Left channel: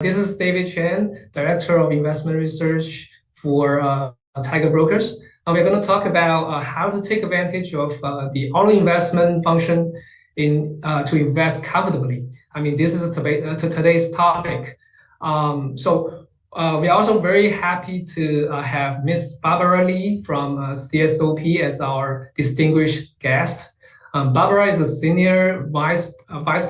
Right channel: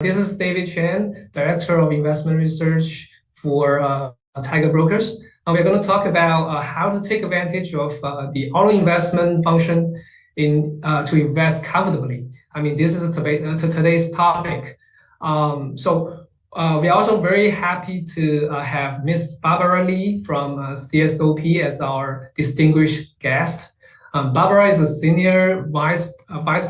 This is David Chen, Director of Investment Research for Tiger Brokers. And we're going to talk about how to take advantage of the auto investment function to invest comfortably. I mean, this is today's topic. We're also very happy to have Miss Barbara Lee from CSOP as our distinguished guest. Barbara is a Senior Vice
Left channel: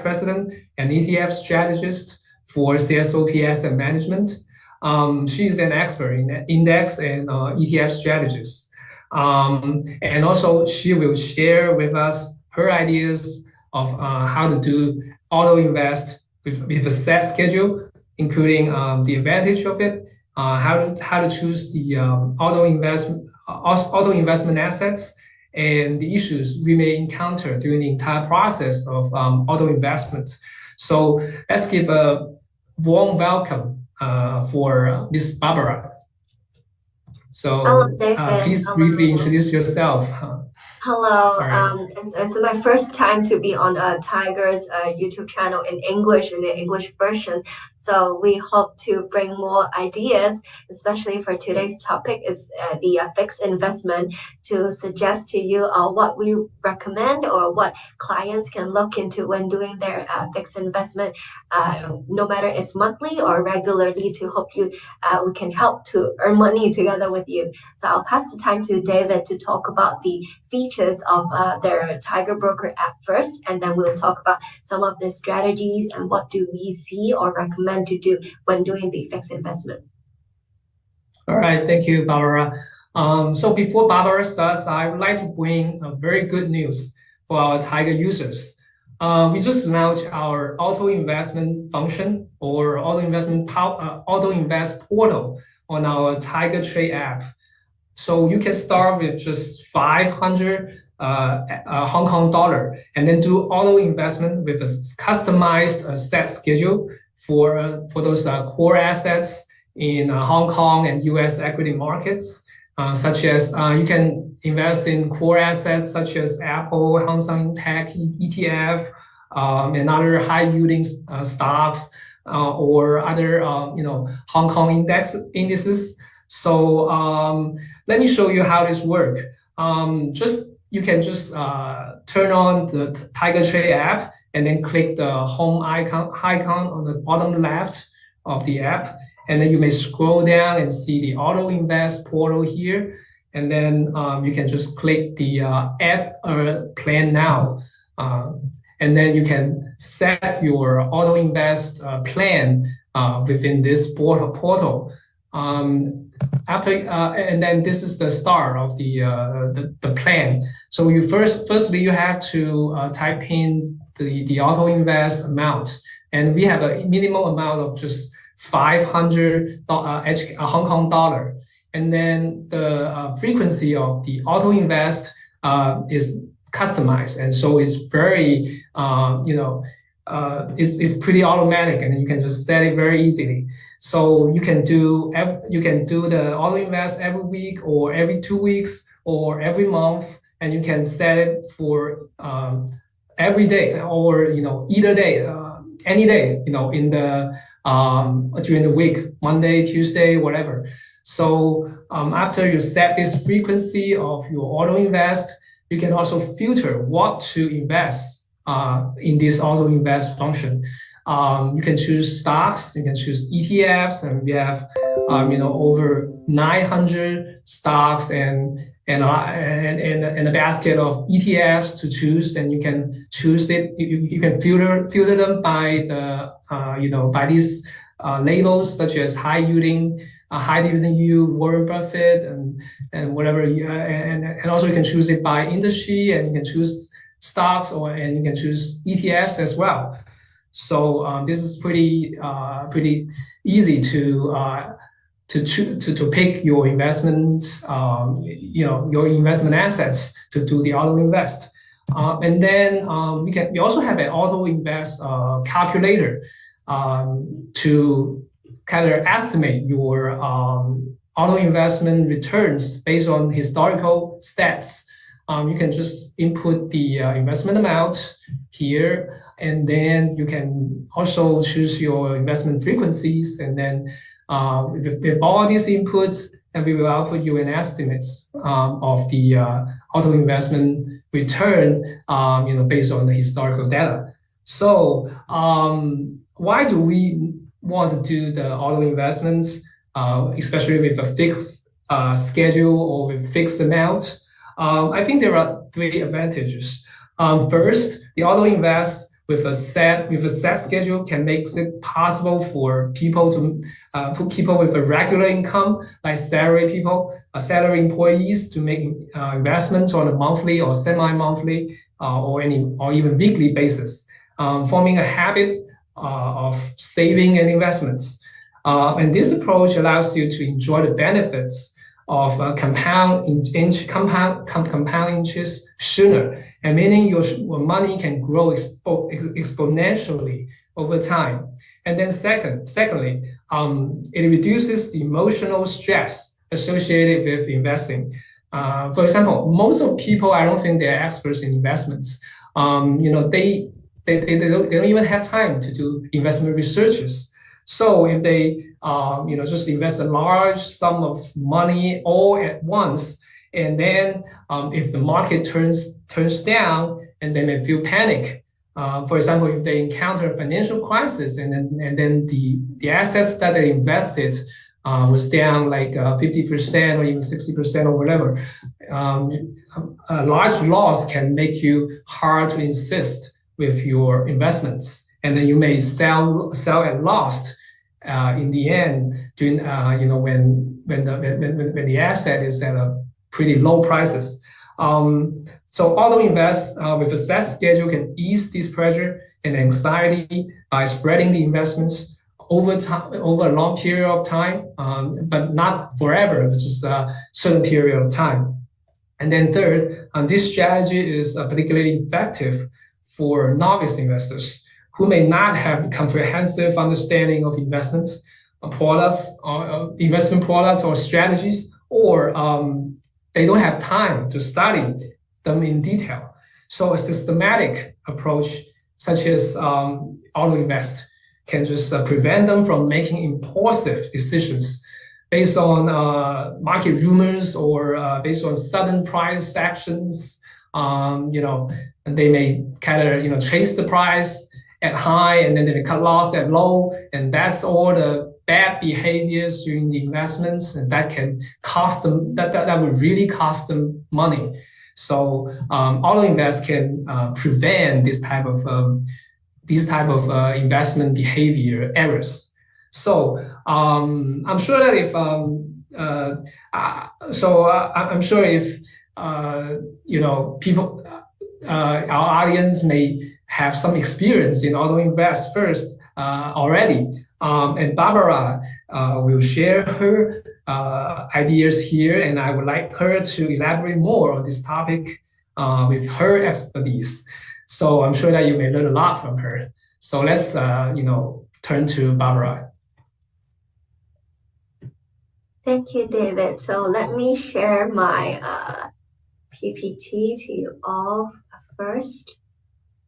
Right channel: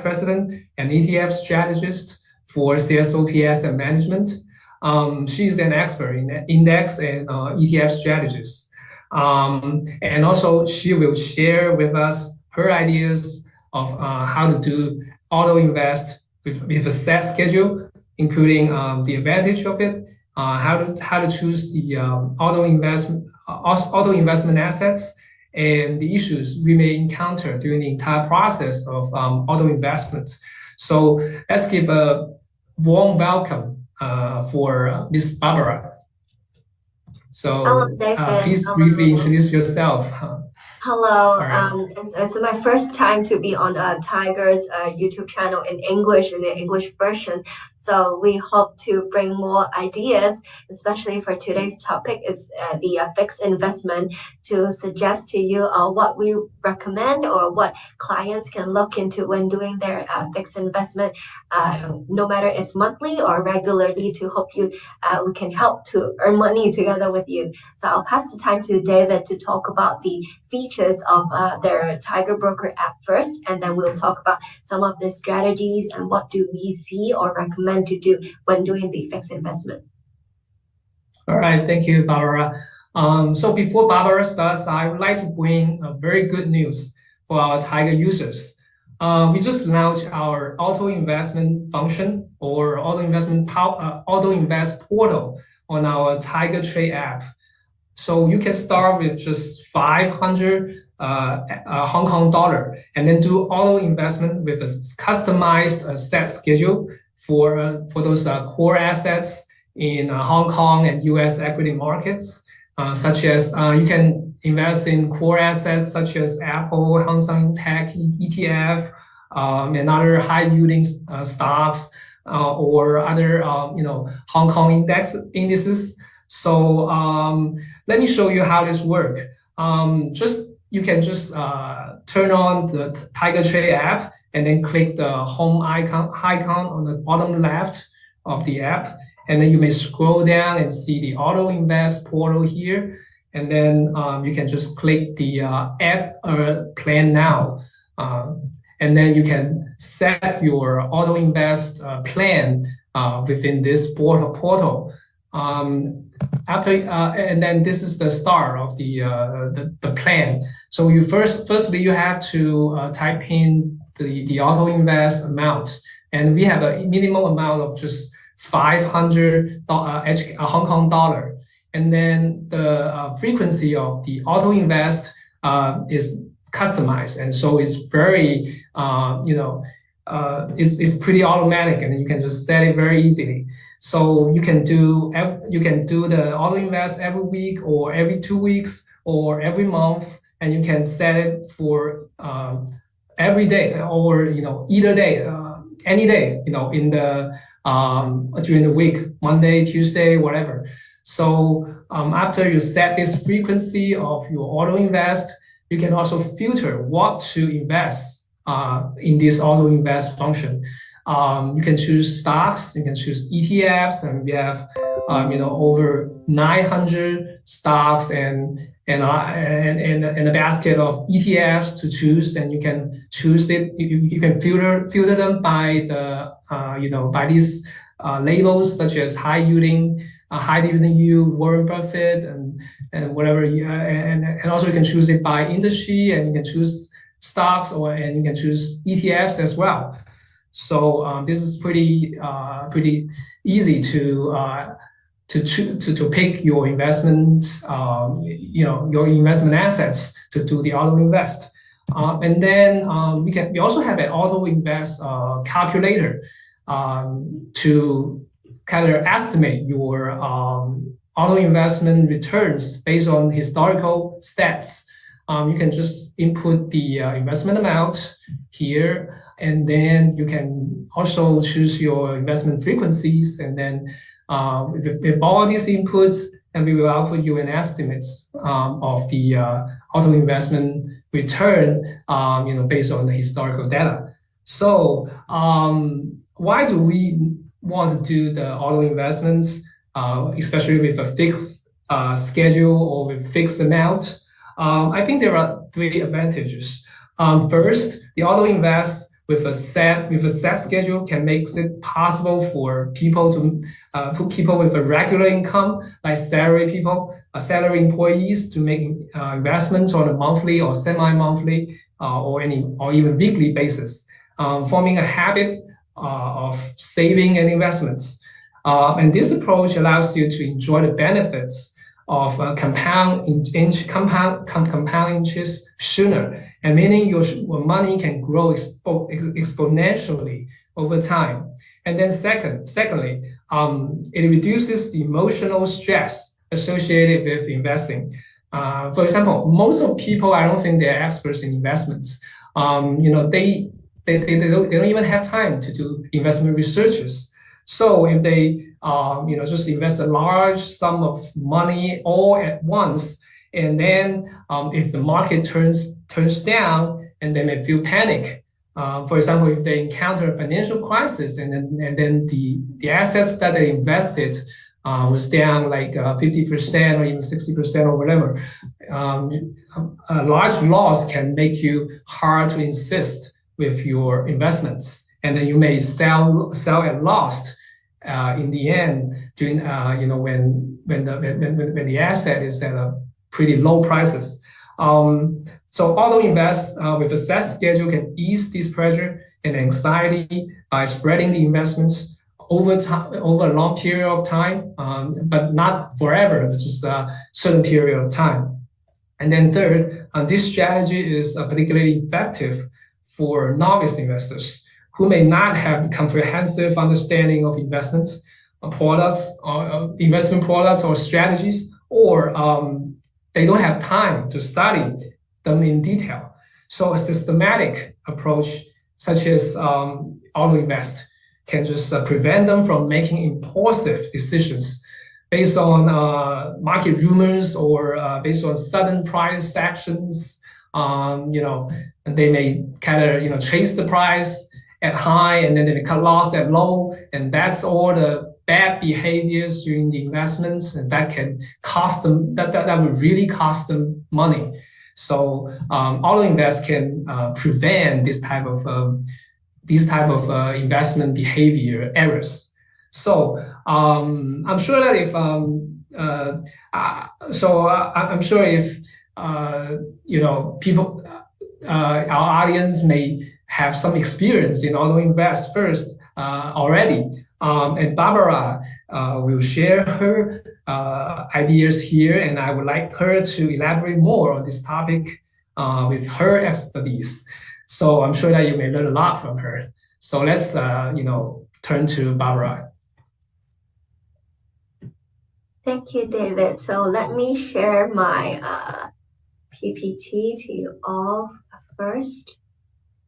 President and ETF Strategist for CSOP Asset Management. She is an expert in index and ETF strategies. And also she will share with us her ideas of how to do auto invest with a set schedule, including the advantage of it, how to choose the auto investment assets, and the issues we may encounter during the entire process of auto investment. So let's give a warm welcome for Ms. Barbara. So hello, David. Please briefly introduce yourself. Hello, it's my first time to be on Tiger's YouTube channel in English, in the English version. So we hope to bring more ideas, especially for today's topic is the fixed investment, to suggest to you what we recommend or what clients can look into when doing their fixed investment, no matter it's monthly or regularly, to hope we can help to earn money together with you. So I'll pass the time to David to talk about the features of their Tiger Broker app first, and then we'll talk about some of the strategies and what do we see or recommend to do when doing the fixed investment. All right, thank you, Barbara. So before Barbara starts, I would like to bring a very good news for our Tiger users. We just launched our auto investment function or auto invest portal on our Tiger Trade app. So you can start with just 500 Hong Kong dollar and then do auto investment with a customized set schedule for those core assets in Hong Kong and US equity markets, such as you can invest in core assets such as Apple, Hang Seng Tech ETF, and other high yielding stocks or other Hong Kong indices. So let me show you how this works. You can just turn on the Tiger Trade app and then click the home icon on the bottom left of the app. And then you may scroll down and see the auto invest portal here. And then you can just click the add a plan now. And then you can set your auto invest plan within this portal. And then this is the start of the plan. So firstly you have to type in the auto invest amount, and we have a minimum amount of just 500 Hong Kong dollar. And then the frequency of the auto invest is customized, and so it's very it's pretty automatic, and you can just set it very easily. So you can do the auto invest every week or every 2 weeks or every month, and you can set it for every day or either day, any day in the during the week, Monday, Tuesday, whatever. So after you set this frequency of your auto invest, you can also filter what to invest in this auto invest function. You can choose stocks, you can choose ETFs, and we have over 900 stocks and a basket of ETFs to choose, and you can choose it. You can filter them by the by these labels such as high yielding, high dividend yield, Warren Buffett, and whatever. And also you can choose it by industry, and you can choose stocks and you can choose ETFs as well. So this is pretty easy to pick your investment, your investment assets to do the auto invest. And then we also have an auto invest calculator to kind of estimate your auto investment returns based on historical stats. You can just input the investment amount here, And then you can also choose your investment frequencies. And then with all these inputs, and we will output you an estimates of the auto investment return, based on the historical data. So why do we want to do the auto investments, especially with a fixed schedule or with fixed amount? I think there are three advantages. First, the auto invest with a set schedule can make it possible for people with a regular income, like salary employees, to make investments on a monthly or semi-monthly or even weekly basis, forming a habit of saving and investments. And this approach allows you to enjoy the benefits of compound interest sooner, and meaning your money can grow exponentially over time. And then secondly, it reduces the emotional stress associated with investing. For example, most of people, I don't think they're experts in investments. They don't even have time to do investment researches. So if they just invest a large sum of money all at once, and then if the market turns down, and then they feel panic. For example, if they encounter a financial crisis, and then the assets that they invested was down like 50% or even 60% or whatever, a large loss can make you hard to insist with your investments, and then you may sell at loss in the end, during when the asset is at a pretty low prices. So auto invest with a set schedule can ease this pressure and anxiety by spreading the investments over a long period of time, but not forever, just a certain period of time. And then third, this strategy is particularly effective for novice investors who may not have comprehensive understanding of investment products or strategies, or they don't have time to study them in detail. So a systematic approach such as auto invest can just prevent them from making impulsive decisions based on market rumors or based on sudden price actions. And they may kind of chase the price at high, and then they cut loss at low, and that's all the bad behaviors during the investments, and that can cost them. That would really cost them money. So auto invest can prevent this type of investment behavior errors. So I'm sure that if people, our audience may have some experience in auto invest first already, and Barbara will share her ideas here, and I would like her to elaborate more on this topic with her expertise. So I'm sure that you may learn a lot from her. So let's turn to Barbara. Thank you, David. So let me share my PPT to you all first.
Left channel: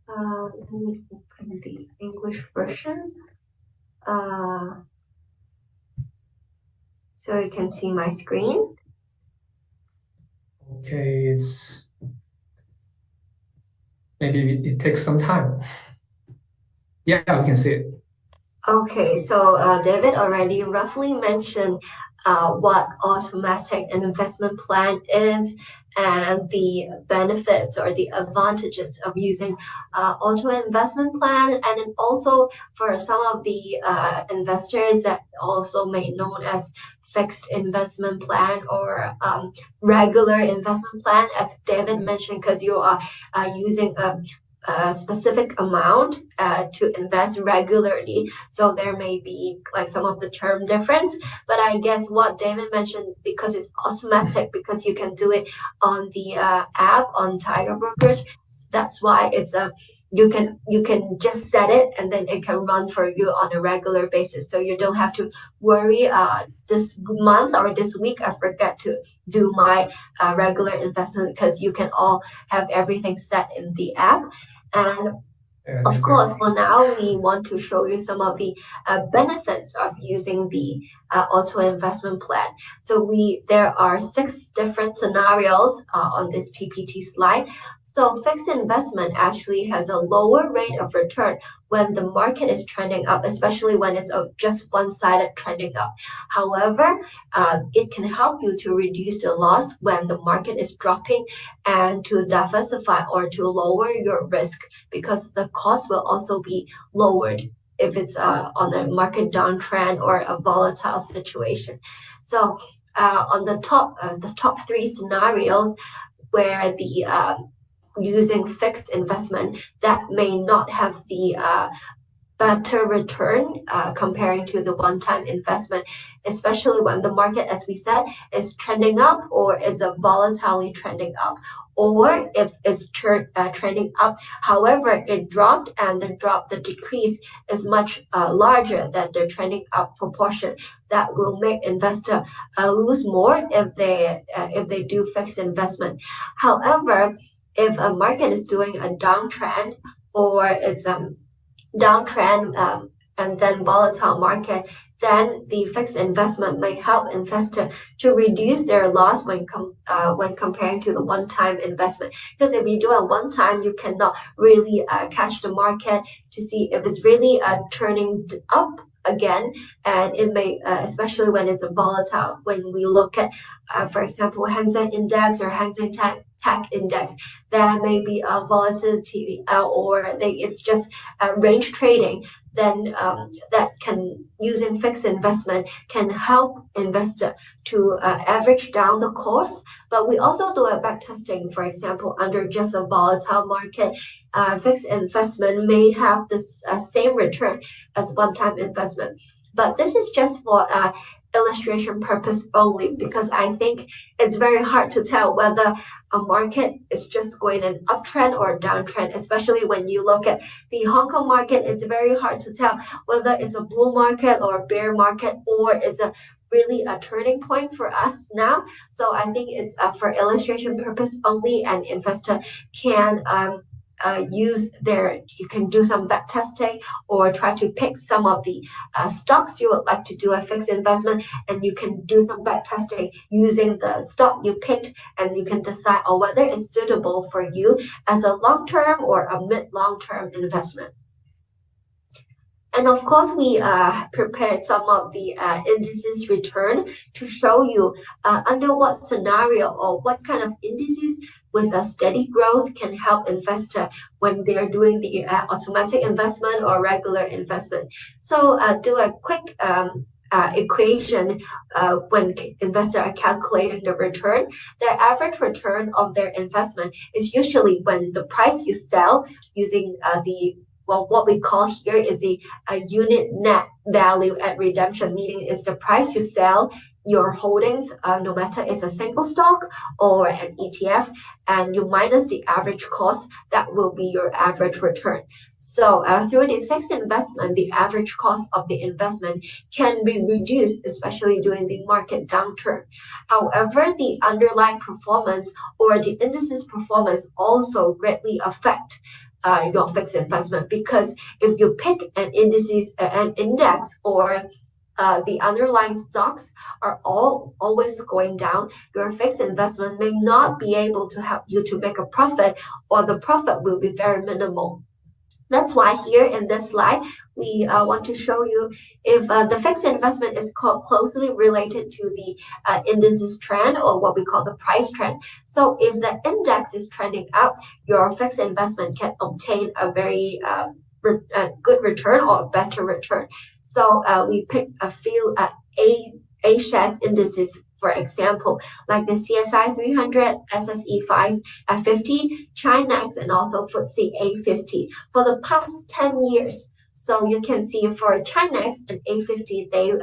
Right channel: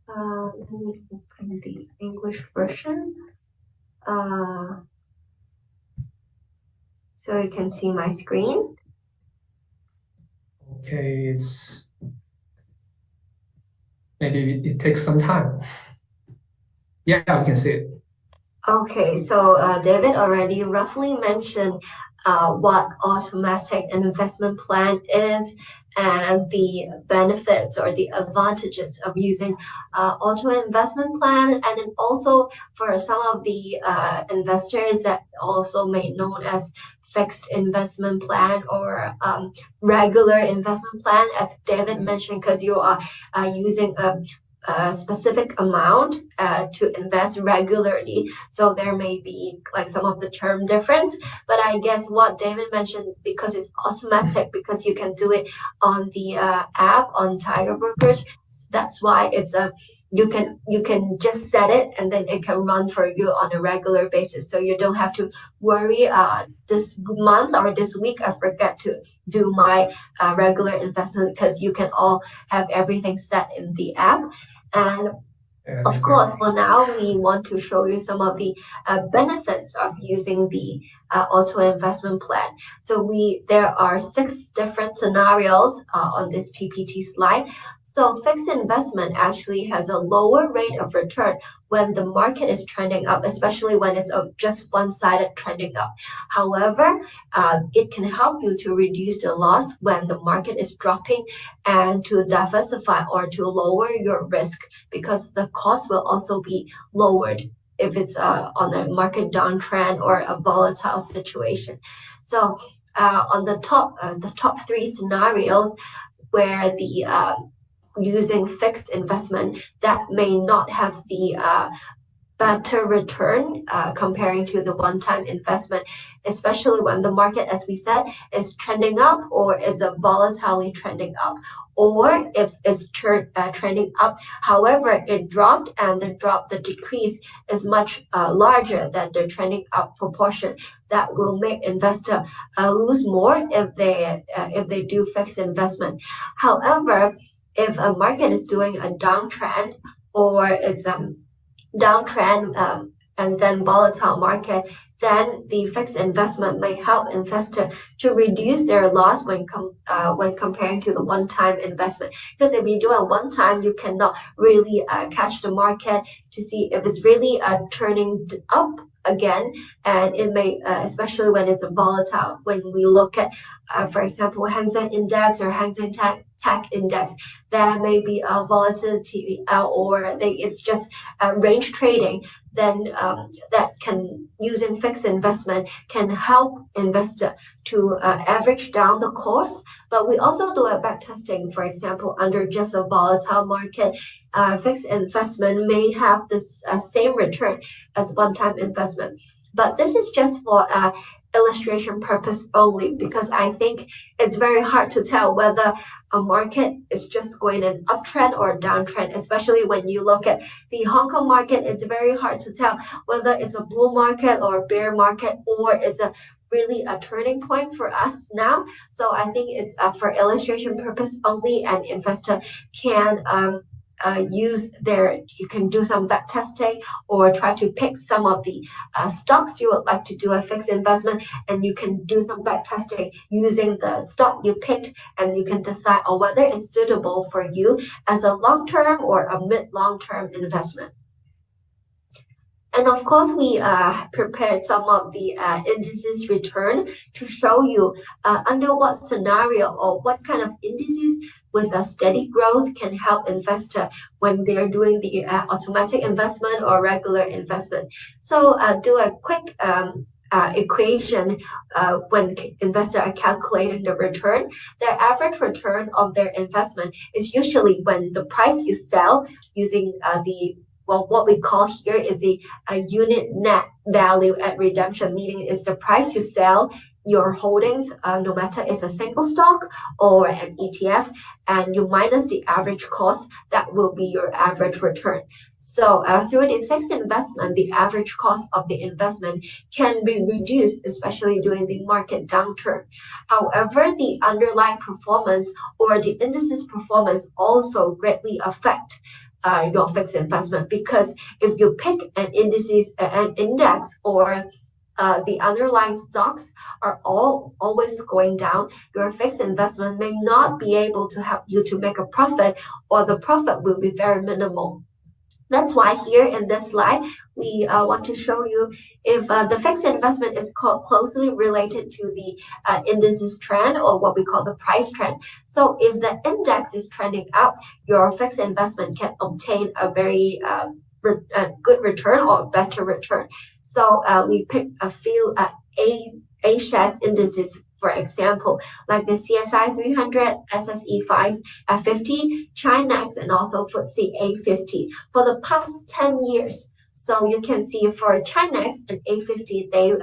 Let me open the English version. So you can see my screen. Okay, maybe it takes some time. Yeah, we can see it. Okay, so David already roughly mentioned what automatic investment plan is and the benefits or the advantages of using auto investment plan, and then also for some of the investors that also may known as fixed investment plan or regular investment plan, as David mentioned, because you are using a specific amount to invest regularly, so there may be like some of the term difference, but I guess what David mentioned, because it's automatic, because you can do it on the app on Tiger Brokers, that's why it's you can just set it and then it can run for you on a regular basis, so you don't have to worry this month or this week I forget to do my regular investment, because you can all have everything set in the app. And Of course, for now, we want to show you some of the benefits of using the auto investment plan. So there are 6 different scenarios on this PPT slide. So fixed investment actually has a lower rate of return when the market is trending up, especially when it's just one-sided trending up. However, it can help you to reduce the loss when the market is dropping and to diversify or to lower your risk, because the cost will also be lowered if it's on a market downtrend or a volatile situation. So on the top 3 scenarios where the using fixed investment, that may not have the better return comparing to the one-time investment, especially when the market, as we said, is trending up or is a volatilely trending up, or if it's trending up, however, it dropped and the decrease is much larger than the trending up proportion. That will make investor lose more if they do fixed investment. However, if a market is doing a downtrend or is downtrend and then volatile market, then the fixed investment may help investor to reduce their loss when comparing to the one-time investment. Because if you do a one-time, you cannot really catch the market to see if it's really turning up again, and it may especially when it's a volatile. When we look at for example, Hang Seng Index or Hang Seng Tech Index, there may be a volatility or it's just range trading, then that can, using fixed investment, can help investor to average down the cost. But we also do a back testing. For example, under just a volatile market, fixed investment may have this same return as one-time investment. But this is just for illustration purpose only, because I think it's very hard to tell whether a market is just going an uptrend or a downtrend, especially when you look at the Hong Kong market. It's very hard to tell whether it's a bull market or a bear market, or is a really a turning point for us now. So I think it's for illustration purpose only, and investor can you can do some back testing or try to pick some of the stocks you would like to do a fixed investment, and you can do some back testing using the stock you picked, and you can decide on whether it's suitable for you as a long-term or a mid-long-term investment. And of course, we prepared some of the indices return to show you under what scenario or what kind of indices with a steady growth can help investor when they're doing the automatic investment or regular investment. So do a quick equation when investors are calculating the return. Their average return of their investment is usually when the price you sell using what we call here is a unit net value at redemption, meaning it's the price you sell your holdings, no matter it's a single stock or an ETF, and you minus the average cost, that will be your average return. So through the fixed investment, the average cost of the investment can be reduced, especially during the market downturn. However, the underlying performance or the indices performance also greatly affect your fixed investment, because if you pick an index or the underlying stocks are always going down, your fixed investment may not be able to help you to make a profit, or the profit will be very minimal. That's why here in this slide, we want to show you if the fixed investment is closely related to the indices trend, or what we call the price trend. So if the index is trending up, your fixed investment can obtain a very good return or better return. So we picked a few A-shares indices, for example, like the CSI 300, SSE 550, Chinex, and also FTSE A50 for the past 10 years. So you can see for Chinex and A50, they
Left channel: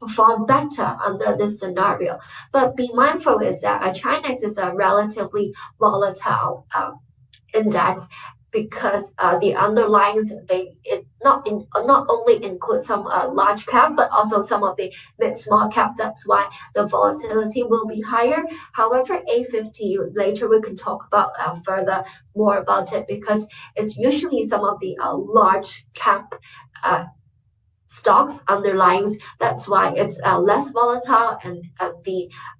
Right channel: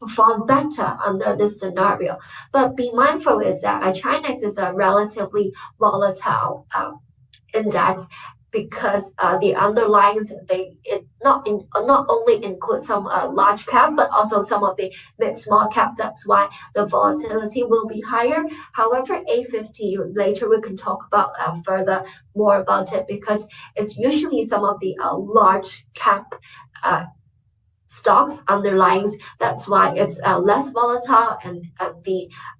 perform better under this scenario. But be mindful is that Chinex is a relatively volatile index, because the underlyings not only include some large cap, but also some of the mid small cap. That's why the volatility will be higher. However, A50 later we can talk about further more about it, because it's usually some of the large cap stocks underlyings. That's why it's less volatile, and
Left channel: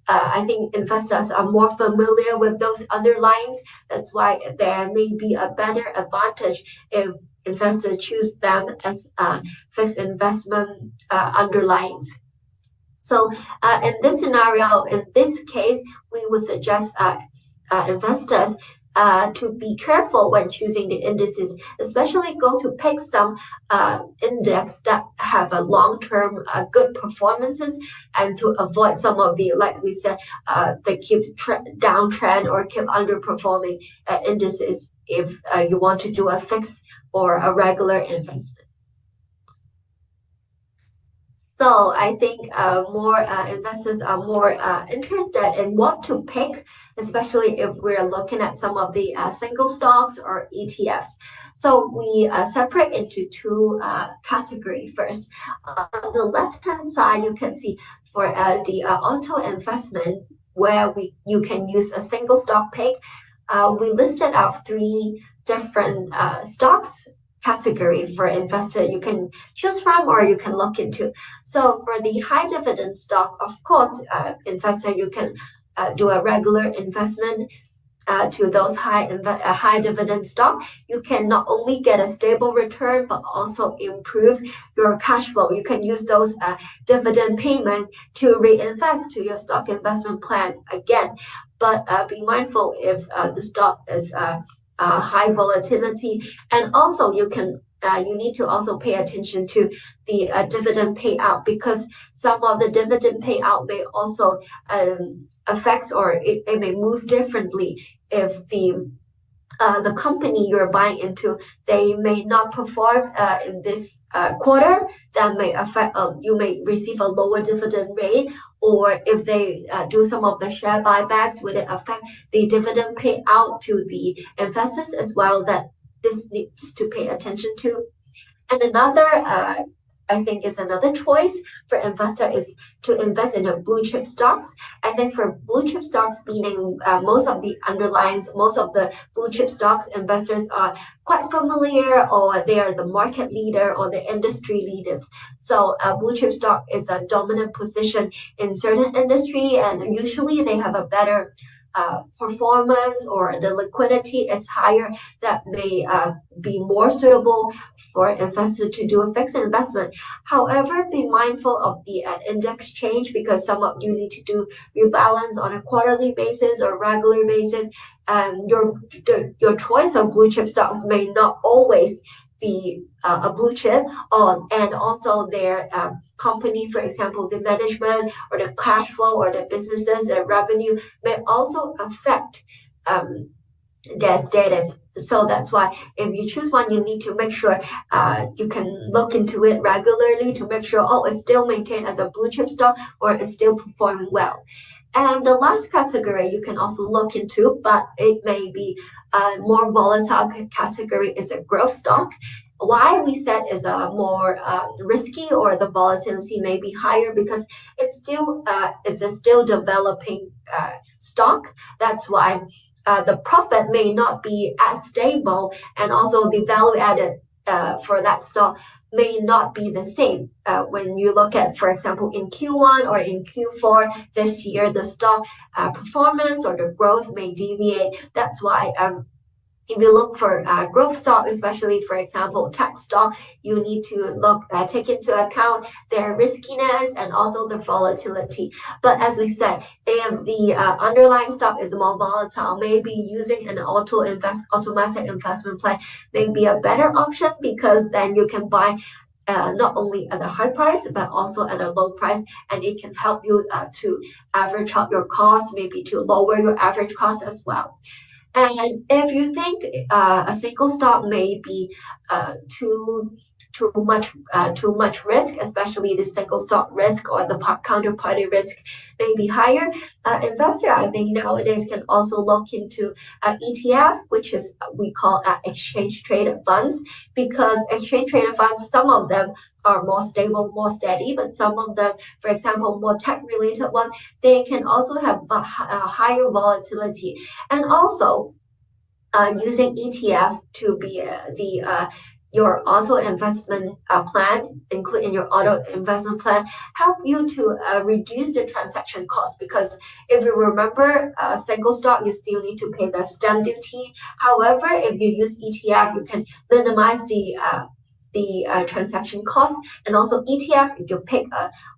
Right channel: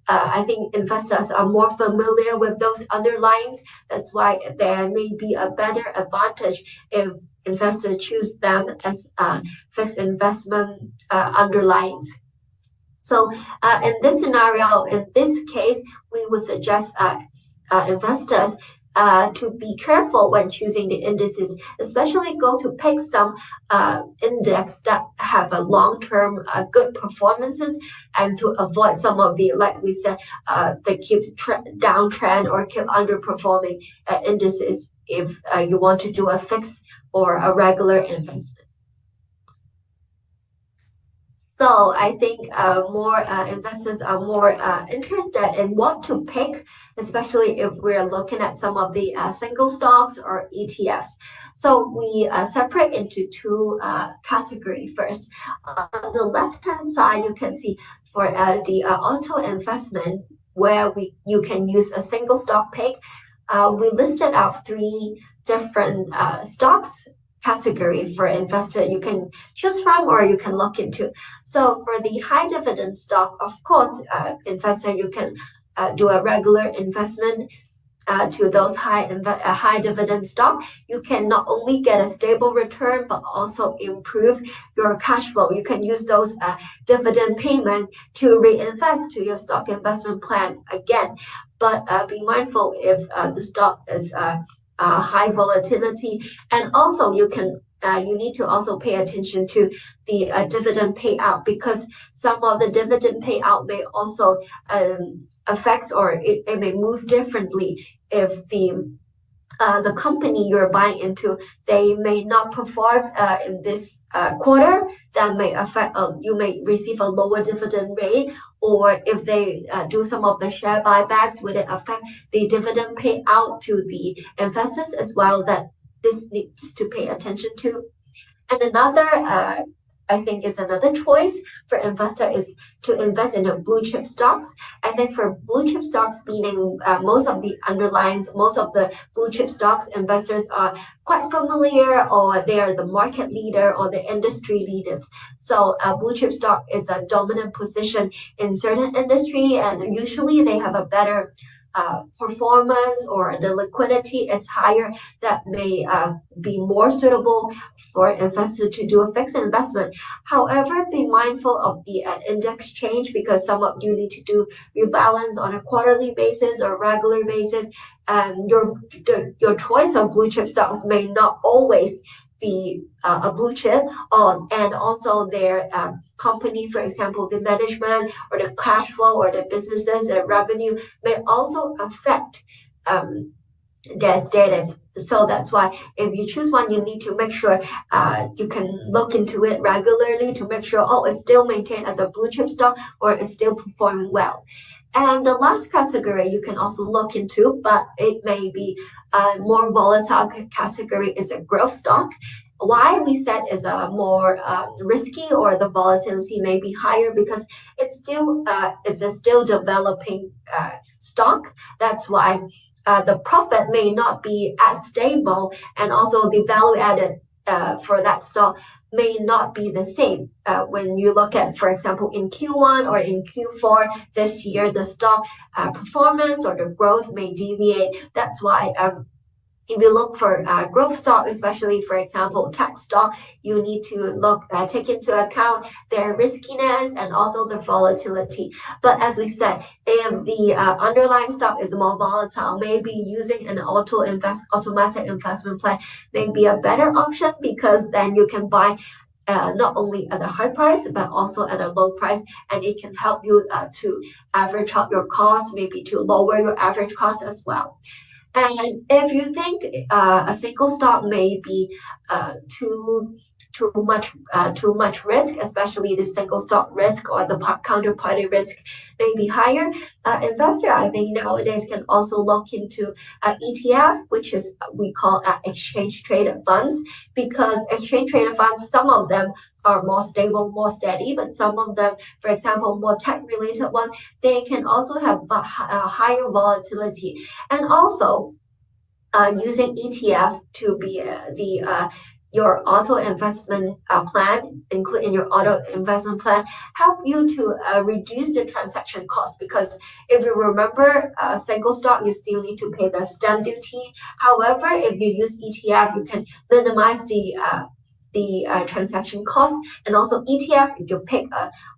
I think investors are more familiar with those underlyings. That's why there may be a better advantage if investors choose them as fixed investment underlyings. So in this scenario, in this case, we would suggest investors to be careful when choosing the indices, especially go to pick some index that have a long-term good performances, and to avoid some of the, like we said, the keep downtrend or keep underperforming indices if you want to do a fixed or a regular investment. So I think more investors are more interested in what to pick, especially if we're looking at some of the single stocks or ETFs. So we separate into two categories first. On the left-hand side, you can see for the auto investment, where you can use a single stock pick. We listed out three different stocks category for investor you can choose from or you can look into. So for the high dividend stock, of course, investor, you can do a regular investment to those high dividend stock. You can not only get a stable return, but also improve your cash flow. You can use those dividend payment to reinvest to your stock investment plan again. But be mindful if the stock is high volatility, and also you need to also pay attention to the dividend payout, because some of the dividend payout may also affect, or it may move differently if the company you're buying into, they may not perform in this quarter. That may affect, you may receive a lower dividend rate, or if they do some of the share buybacks, would it affect the dividend payout to the investors as well? That this needs to pay attention to. And another I think is another choice for investor is to invest in a blue chip stocks. And then for blue chip stocks, meaning most of the underlyings, most of the blue chip stocks investors are quite familiar, or they are the market leader or the industry leaders. So blue chip stock is a dominant position in certain industry, and usually they have a better performance, or the liquidity is higher, that may be more suitable for investors to do a fixed investment. However, be mindful of the index change, because some of you need to do rebalance on a quarterly basis or regular basis, and your choice of blue chip stocks may not always be a blue chip, and also their company, for example, the management or the cash flow or the businesses, the revenue may also affect their status. So that's why if you choose one, you need to make sure you can look into it regularly to make sure, it's still maintained as a blue chip stock, or it's still performing well. And the last category you can also look into, but it may be a more volatile category, is a growth stock. Why we said is a more risky, or the volatility may be higher, because it's a still developing stock. That's why the profit may not be as stable, and also the value added for that stock may not be the same. When you look at, for example, in Q1 or in Q4 this year, the stock performance or the growth may deviate. That's why if you look for growth stock, especially, for example, tech stock, you need to take into account their riskiness and also the volatility. But as we said, if the underlying stock is more volatile, maybe using an automatic investment plan may be a better option, because then you can buy not only at a high price, but also at a low price, and it can help you to average out your costs, maybe to lower your average cost as well. And if you think a single stock may be too too much risk, especially the single stock risk or the counterparty risk may be higher. Investor, I think nowadays can also look into ETF, which is we call exchange traded funds, because exchange traded funds, some of them are more stable, more steady, but some of them, for example, more tech related one, they can also have a higher volatility. And also using ETF to be your auto investment plan, including your auto investment plan, help you to reduce the transaction cost. Because if you remember, single stock, you still need to pay the stamp duty. However, if you use ETF, you can minimize the transaction cost. And also ETF, if you pick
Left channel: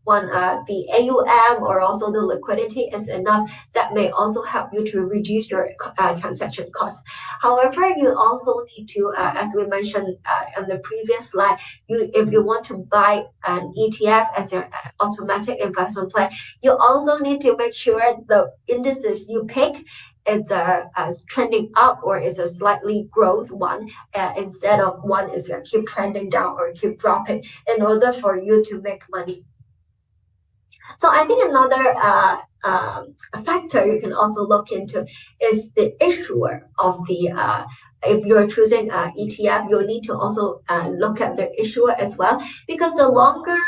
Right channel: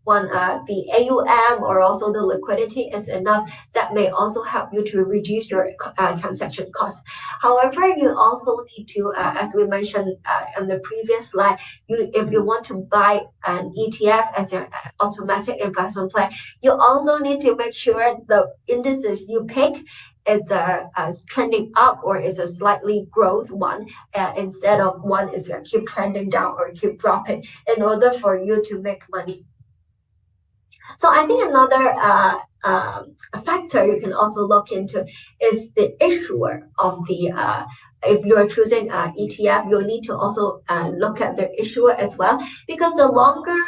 the AUM or also the liquidity is enough, that may also help you to reduce your transaction costs. However, you also need to, as we mentioned on the previous slide, if you want to buy an ETF as your automatic investment plan, you also need to make sure the indices you pick is trending up or is a slightly growth one, instead of one is keep trending down or keep dropping, in order for you to make money. So I think another factor you can also look into is the issuer of the if you're choosing ETF, you'll need to also look at the issuer as well, because the longer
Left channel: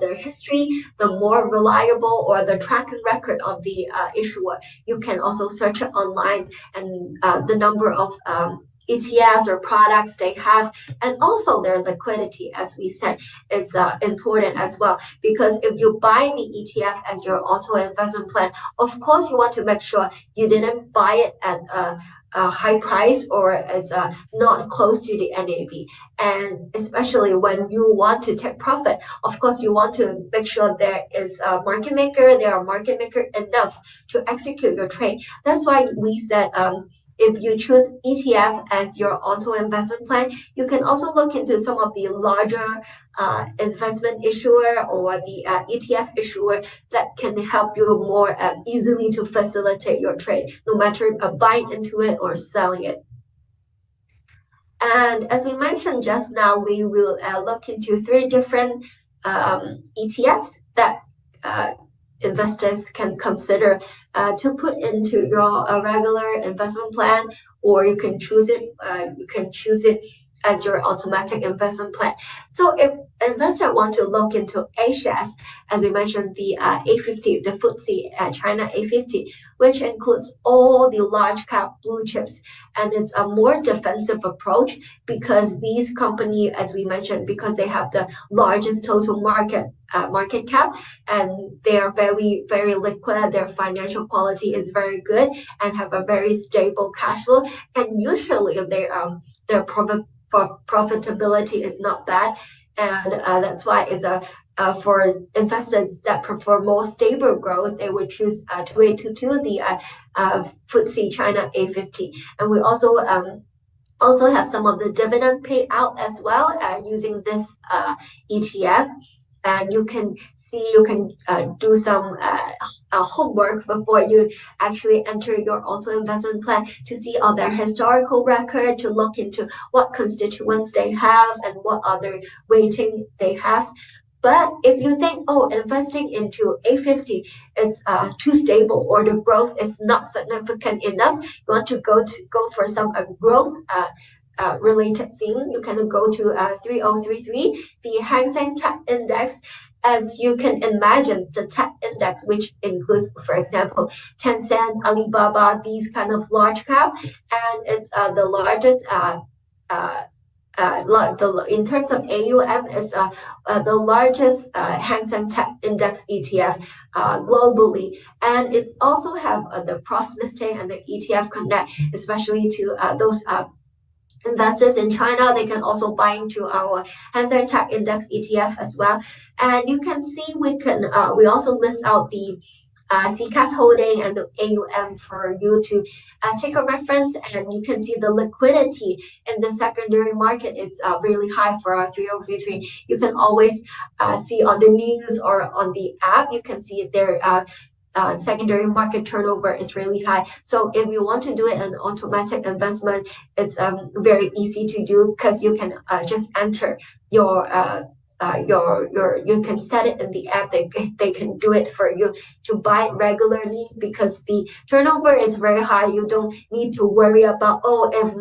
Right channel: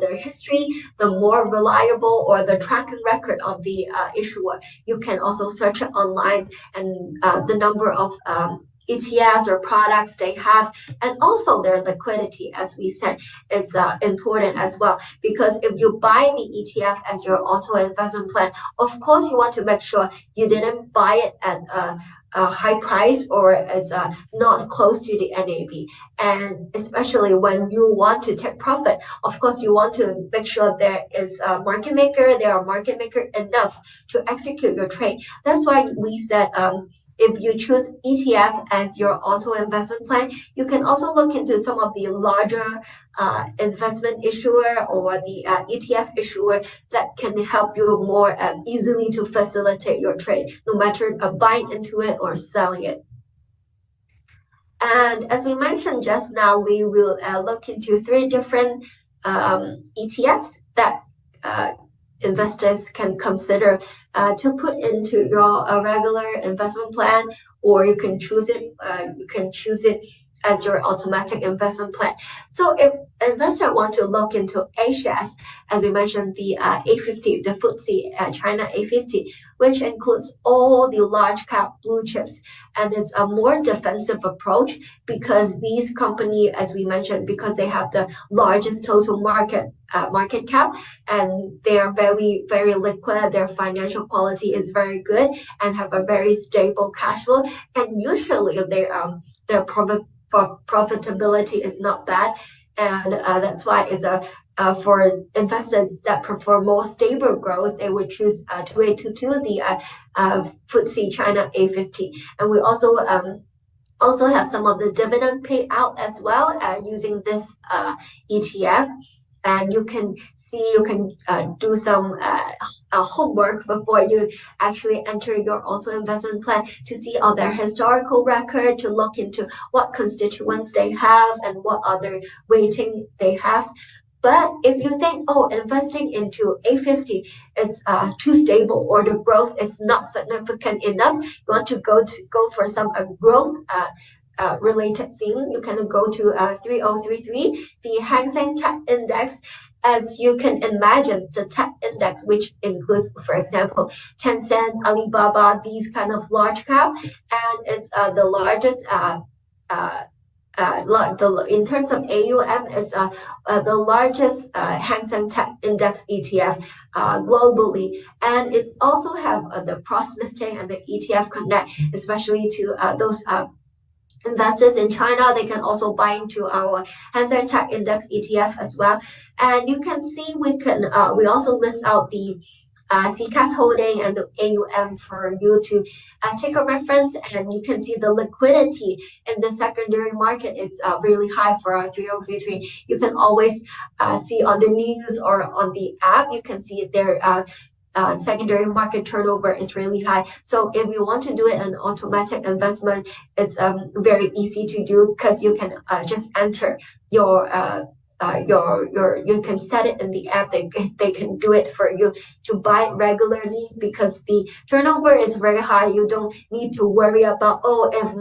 their history, the more reliable or the tracking record of the issuer. You can also search it online, and the number of ETFs or products they have, and also their liquidity, as we said, is important as well. Because if you buy the ETF as your auto investment plan, of course you want to make sure you didn't buy it at a high price or as not close to the NAV. And especially when you want to take profit, of course you want to make sure there are market maker enough to execute your trade. That's why we said if you choose ETF as your auto investment plan, you can also look into some of the larger investment issuer or the ETF issuer that can help you more easily to facilitate your trade, no matter buying into it or selling it. And as we mentioned just now, we will look into 3 different ETFs that investors can consider to put into your regular investment plan, or you can choose it. As your automatic investment plan. So if investors want to look into A-shares, as we mentioned, the A50, the FTSE China A50, which includes all the large cap blue chips, and it's a more defensive approach because these companies, as we mentioned, because they have the largest total market cap, and they are very, very liquid. Their financial quality is very good and have a very stable cash flow, and usually their profitability is not bad, and that's why it's for investors that prefer more stable growth, they would choose 2822, the FTSE China A50. And we also have some of the dividend payout as well using this ETF. And you can do some homework before you actually enter your auto investment plan to see all their historical record, to look into what constituents they have and what other weighting they have. But if you think, oh, investing into A50 is too stable or the growth is not significant enough, you want to go for some growth related theme, you can go to 3033, the Hang Seng Tech Index. As you can imagine, the tech index, which includes, for example, Tencent, Alibaba, these kind of large cap, and it's the largest in terms of AUM, is the largest Hang Seng Tech Index ETF globally, and it also have the cross listing and the ETF Connect, especially to those investors in China. They can also buy into our Hang Seng Tech Index ETF as well. And you can see we also list out the CCAS holding and the AUM for you to take a reference, and you can see the liquidity in the secondary market is really high for our 3033. You can always see on the news or on the app, you can see their secondary market turnover is really high. So if you want to do it an automatic investment, it's very easy to do because you can just enter your you can set it in the app. They can do it for you to buy it regularly because the turnover is very high. You don't need to worry about if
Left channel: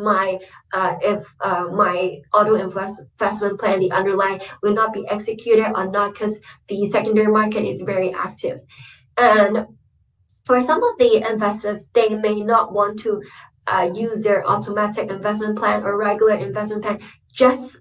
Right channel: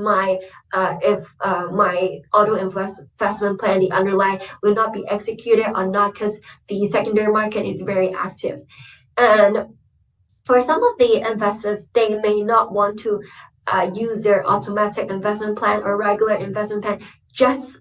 my auto investment plan, the underlying, will not be executed or not, because the secondary market is very active. And for some of the investors, they may not want to use their automatic investment plan or regular investment plan just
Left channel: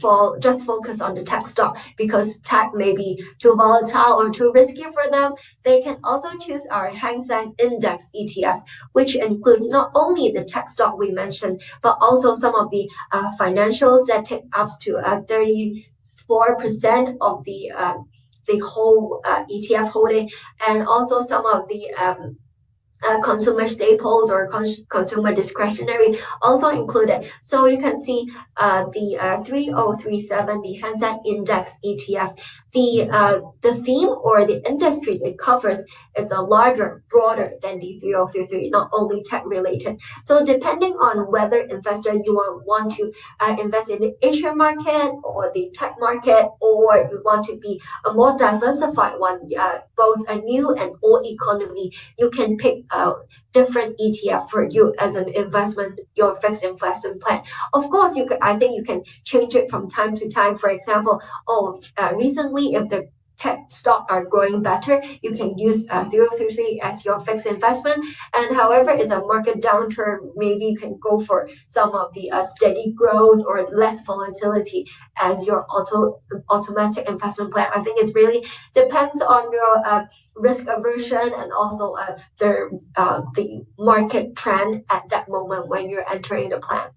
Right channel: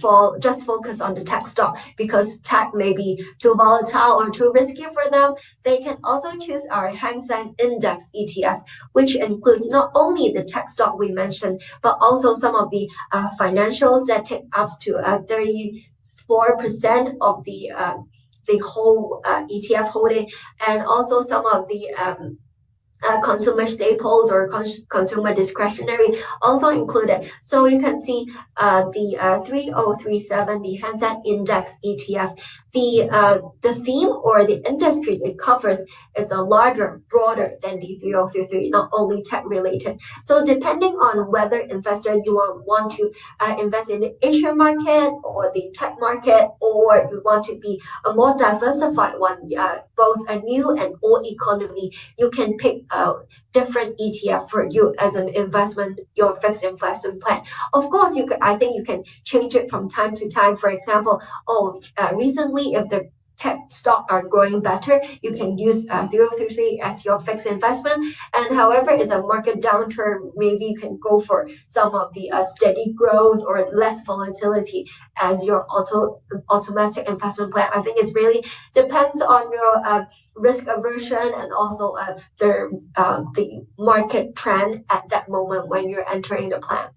focus on the tech stock because tech may be too volatile or too risky for them. They can also choose our Hang Seng Index ETF, which includes not only the tech stock we mentioned, but also some of the financials that take up to 34% of the whole ETF holding, and also some of the consumer staples or consumer discretionary also included. So you can see the 3037, the Hang Seng Index ETF, the theme or the industry it covers is a larger, broader than the 3033, not only tech related. So depending on whether investor you want to invest in the Asian market or the tech market, or you want to be a more diversified one, both a new and old economy, you can pick different ETF for you as an investment, your fixed investment plan. Of course, I think you can change it from time to time. For example, recently if the tech stock are growing better, you can use 033 as your fixed investment. And however, it's a market downturn, maybe you can go for some of the steady growth or less volatility as your automatic investment plan. I think it really depends on your risk aversion and also the market trend at that moment when you're entering the plan.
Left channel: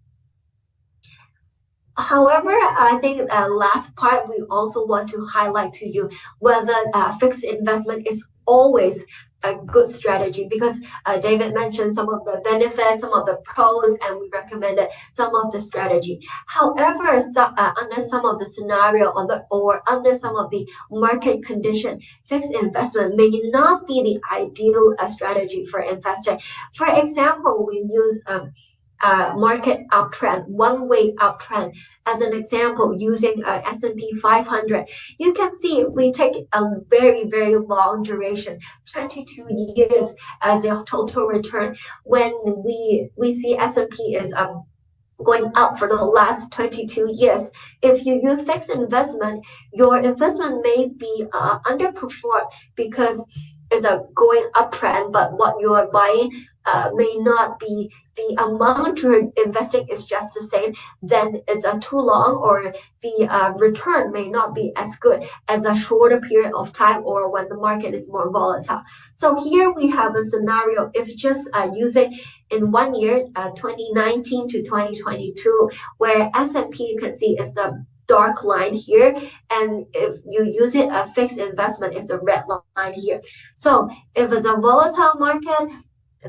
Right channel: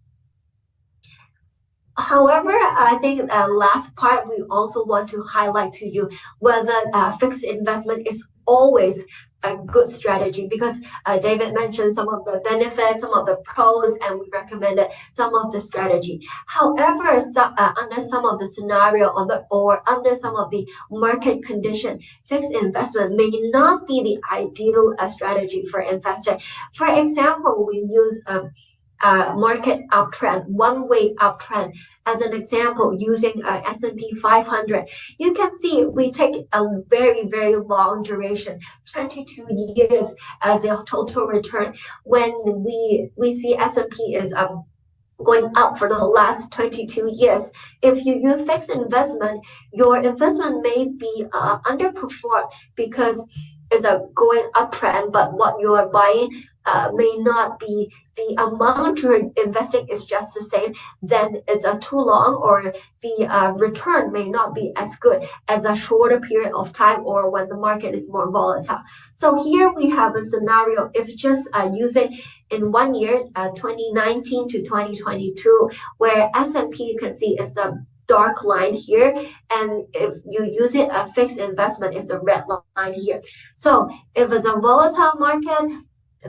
However, I think last part, we also want to highlight to you whether fixed investment is always a good strategy, because David mentioned some of the benefits, some of the pros, and we recommended some of the strategy. However, under some of the scenario or under some of the market condition, fixed investment may not be the ideal strategy for investor. For example, we use market uptrend, one-way uptrend as an example using S&P 500. You can see we take a very, very long duration, 22 years as a total return. When we see S&P is going up for the last 22 years. If you use fixed investment, your investment may be underperformed because it's a going uptrend, but what you are buying may not be the amount you're investing is just the same, then it's a too long, or the return may not be as good as a shorter period of time or when the market is more volatile. So here we have a scenario if just using in 1 year, 2019 to 2022, where S&P you can see is a dark line here, and if you use it a fixed investment, it's a red line here. So if it's a volatile market,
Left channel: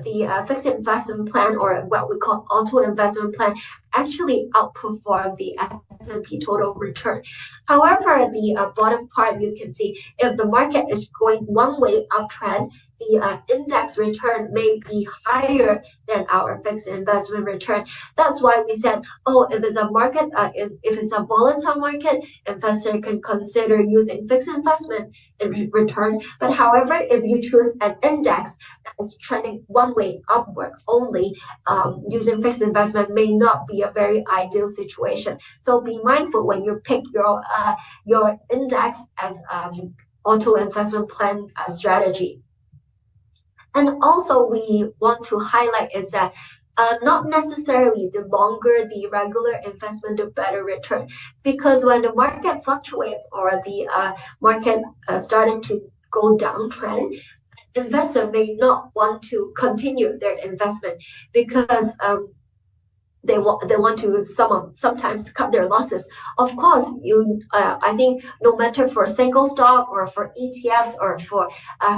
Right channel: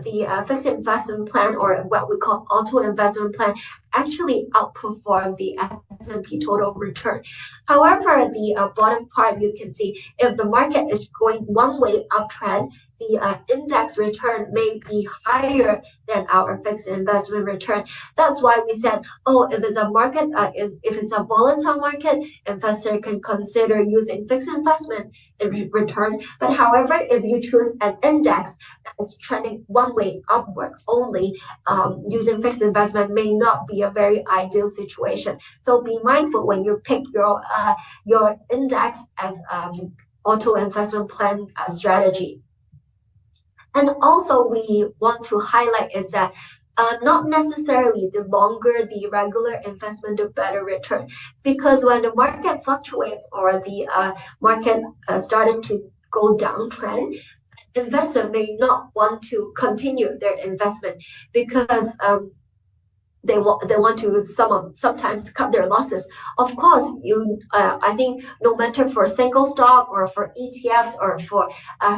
the fixed investment plan, or what we call auto investment plan, actually outperform the S&P total return. However, the bottom part you can see, if the market is going one-way uptrend, the index return may be higher than our fixed investment return. That's why we said, if it's a market, if it's a volatile market, investor can consider using fixed investment in return. But however, if you choose an index that is trending one way upward only, using fixed investment may not be a very ideal situation. So be mindful when you pick your index as auto investment plan strategy. And also we want to highlight is that not necessarily the longer the regular investment, the better return. Because when the market fluctuates or the market started to go downtrend, investor may not want to continue their investment because they want to sometimes cut their losses. Of course, I think no matter for single stock or for ETFs or for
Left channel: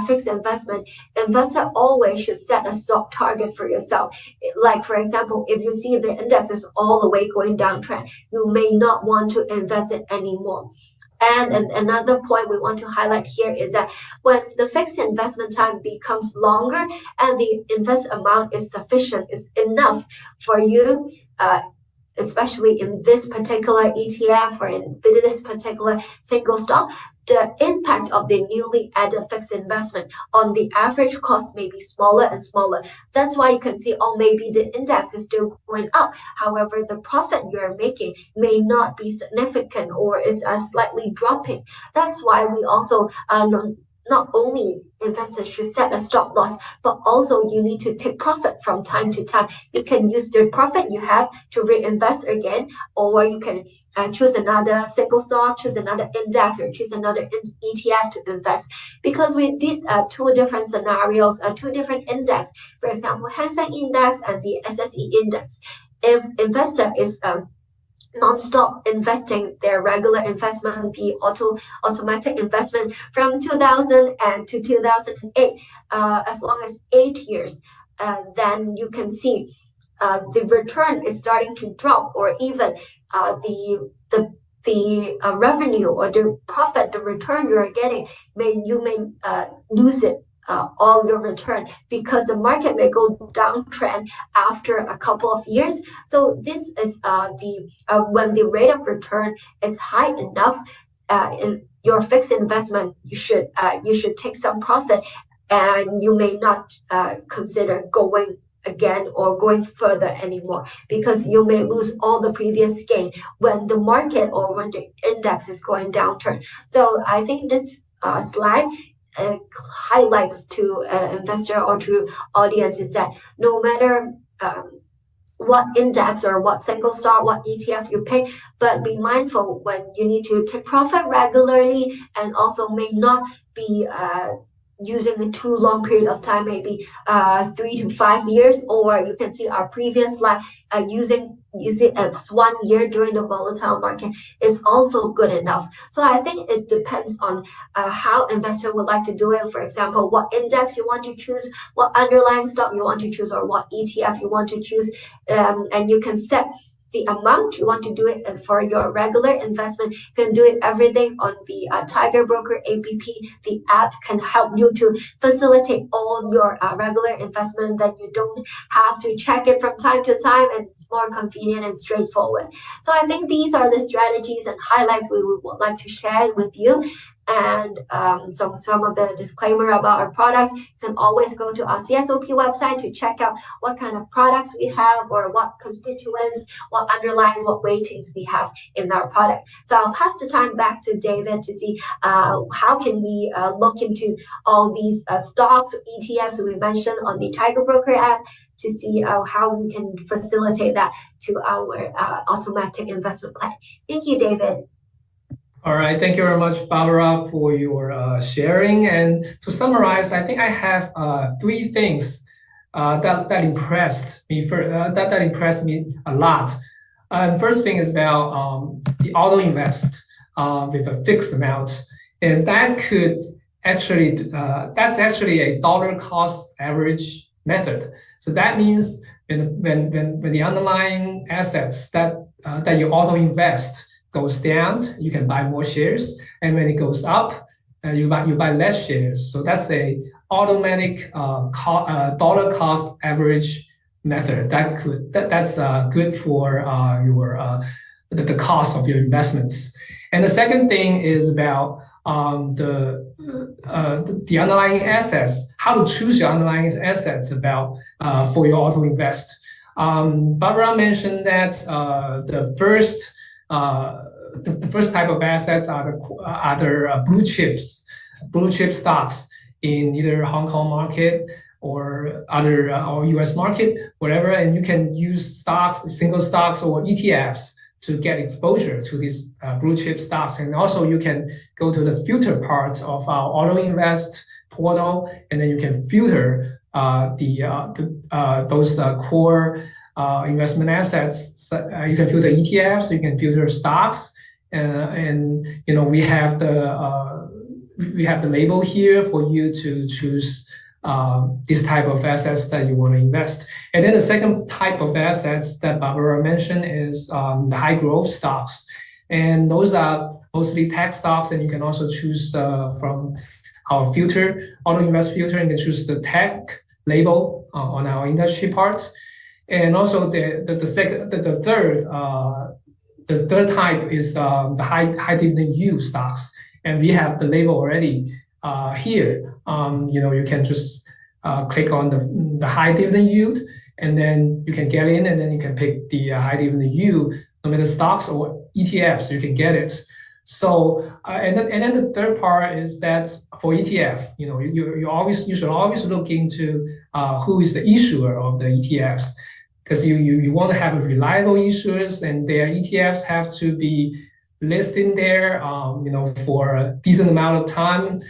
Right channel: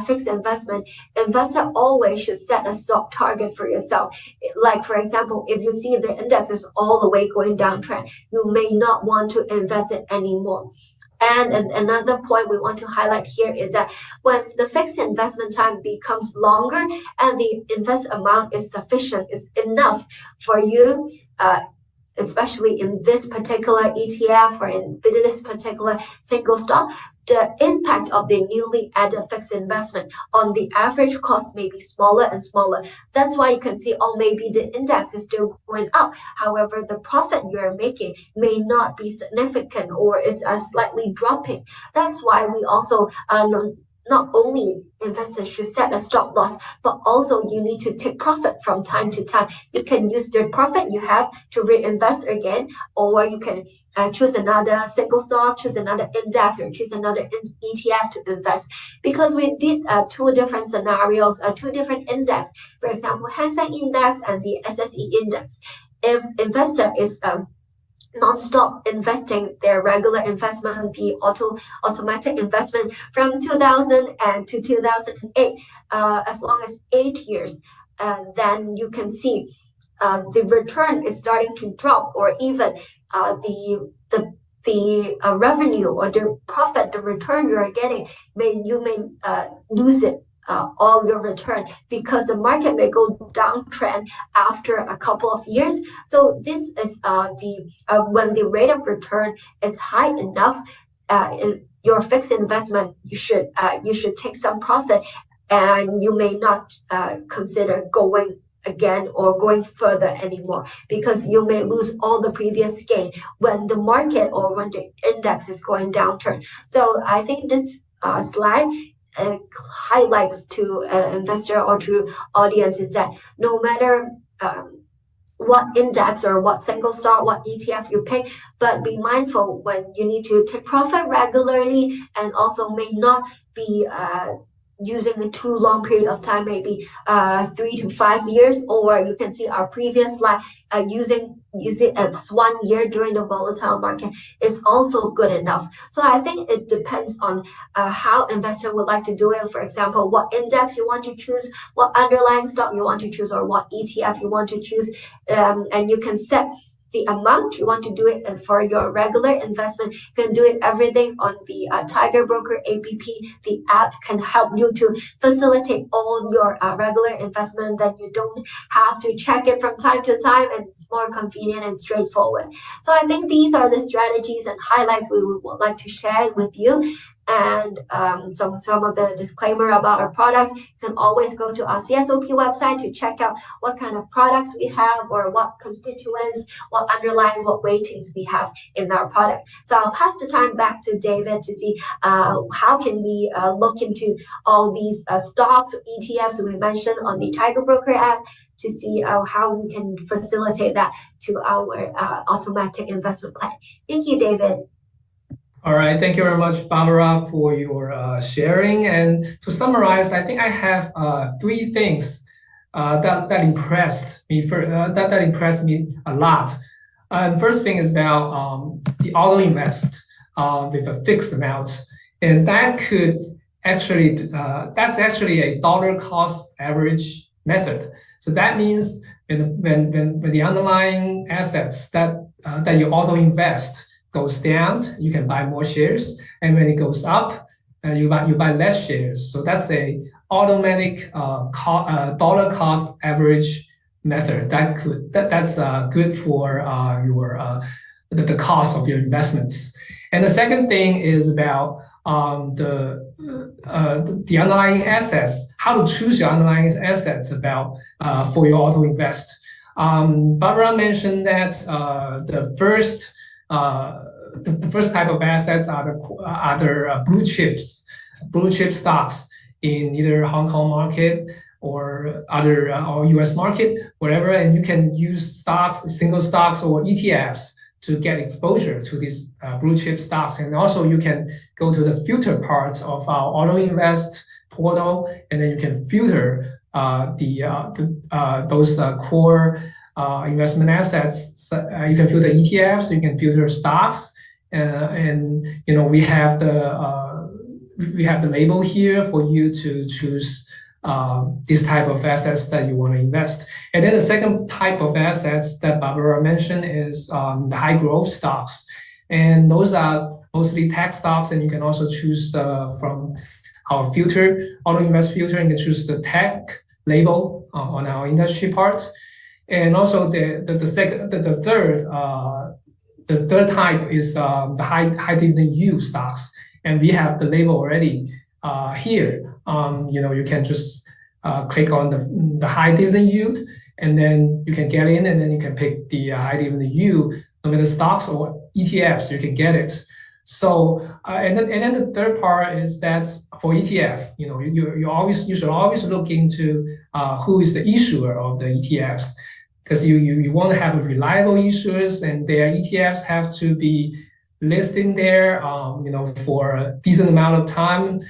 fixed investment, investor always should set a stock target for yourself. Like for example, if you see the index is all the way going downtrend, you may not want to invest it anymore. And another point we want to highlight here is that when the fixed investment time becomes longer and the invest amount is sufficient, is enough for you, especially in this particular ETF or in this particular single stock, the impact of the newly added fixed investment on the average cost may be smaller and smaller. That's why you can see, oh, maybe the index is still going up. However, the profit you're making may not be significant or is slightly dropping. That's why we also not only investors should set a stop loss, but also you need to take profit from time to time. You can use the profit you have to reinvest again, or you can choose another single stock, choose another index, or choose another ETF to invest. Because we did two different scenarios, two different index. For example, Hang Seng Index and the SSE Index. If investor is non-stop investing their regular investment, the automatic investment from 2000 and to 2008, as long as 8 years, then you can see the return is starting to drop, or even the revenue or the profit, the return you are getting, you may lose it, all your return, because the market may go downtrend after a couple of years. So this is when the rate of return is high enough in your fixed investment, you should take some profit, and you may not consider going again or going further anymore, because you may lose all the previous gain when the market or when the index is going downturn. So I think this slide highlights to an investor or to audience is that no matter what index or what single stock, what ETF you pick, but be mindful when you need to take profit regularly, and also may not be using a too long period of time, maybe 3 to 5 years, or you can see our previous slide, use it as 1 year during the volatile market is also good enough. So I think it depends on how investor would like to do it. For example, what index you want to choose, what underlying stock you want to choose, or what ETF you want to choose, and you can set the amount you want to do it. And for your regular investment, you can do it everything on the Tiger Broker app. The app can help you to facilitate all your regular investment, that you don't have to check it from time to time, and it's more convenient and straightforward. So I think these are the strategies and highlights we would like to share with you. And some of the disclaimer about our products. You can always go to our CSOP website to check out what kind of products we have, or what constituents, what underlines, what weightings we have in our product. So I'll pass the time back to David to see how can we look into all these stocks, ETFs we mentioned on the Tiger Broker app, to see how we can facilitate that to our automatic investment plan. Thank you, David. All right, thank you very much, Barbara, for your sharing. And to summarize, I think I have 3 things that impressed me that impressed me a lot. First thing is about the auto invest with a fixed amount, and that could actually that's actually a dollar cost average method. So that means when the underlying assets that you auto invest goes down, you can buy more shares, and when it goes up, you buy less shares. So that's a automatic dollar cost average method that's good for the cost of your investments. And the second thing is about the underlying assets, how to choose your underlying assets for your auto invest. Barbara mentioned that the first type of assets are the blue chip stocks in either Hong Kong market or or US market, whatever, and you can use single stocks or ETFs to get exposure to these blue chip stocks. And also you can go to the filter parts of our auto invest portal, and then you can filter those core investment assets. You can filter ETFs, you can filter stocks, and we have the label here for you to choose this type of assets that you want to invest. And then the second type of assets that Barbara mentioned is the high growth stocks. And those are mostly tech stocks, and you can also choose from our filter, auto invest filter, and you can choose the tech label on our industry part. And also the third type is the high dividend yield stocks, and we have the label already here. You can just click on the high dividend yield, and then you can get in, and then you can pick the high dividend yield, no matter stocks or ETFs, you can get it. So and then the third part is that for ETF, you should always look into who is the issuer of the ETFs, because you want to have a reliable issuers, and their ETFs have to be listed there, for a decent amount of time.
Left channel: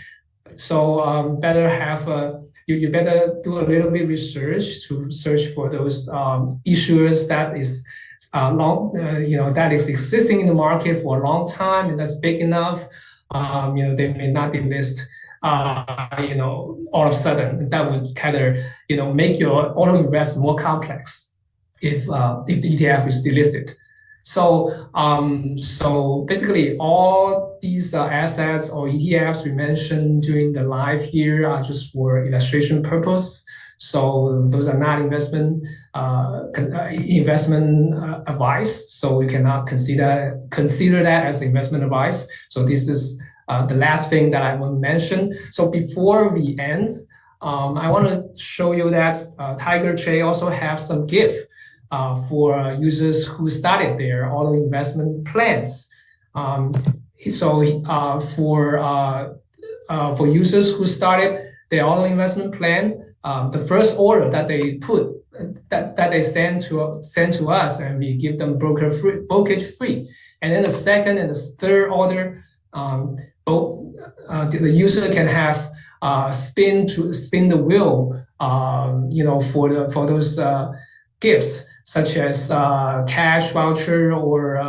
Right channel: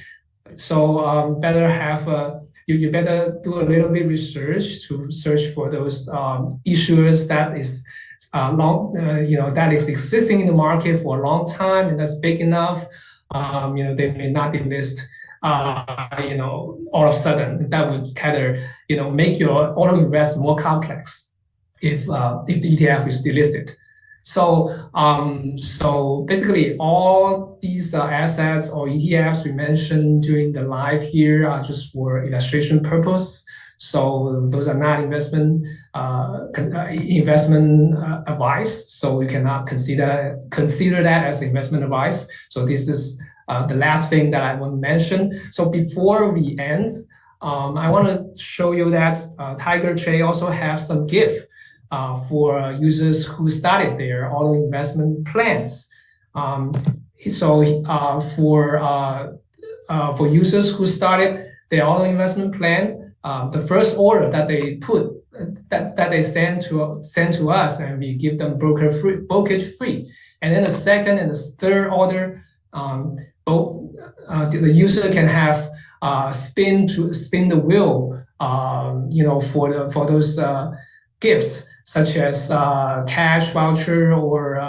So better have you better do a little bit research to search for those issuers that is that is existing in the market for a long time and that's big enough. They may not be listed all of a sudden. That would kind of make your auto invest more complex if the ETF is delisted. So basically all these assets or ETFs we mentioned during the live here are just for illustration purpose. So those are not investment advice. So we cannot consider that as investment advice. So this is the last thing that I want to mention. So before we end, I want to show you that Tiger Trade also have some gift for users who started their auto investment plans. For users who started their auto investment plan, the first order that they put that they send to us, and we give them brokerage free. And then the second and the third order, both the user can have spin the wheel, for those gifts, such as cash voucher or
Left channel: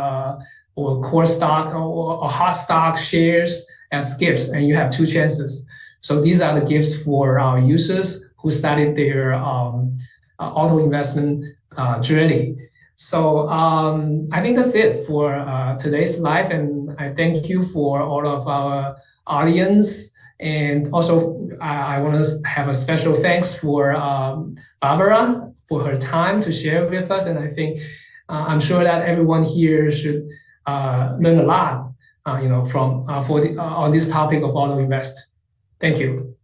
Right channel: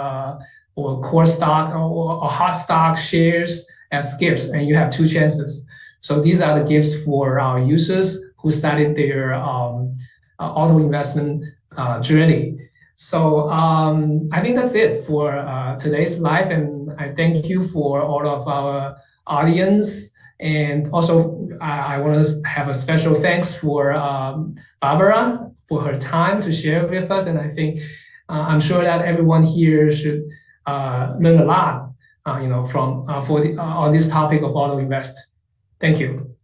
core stock or hot stock shares as gifts, and you have two chances. So these are the gifts for our users who started their auto investment journey. So I think that's it for today's live, and I thank you for all of our audience. And also I want to have a special thanks for Barbara for her time to share with us. And I think I'm sure that everyone here should learn a lot, on this topic of auto invest. Thank you.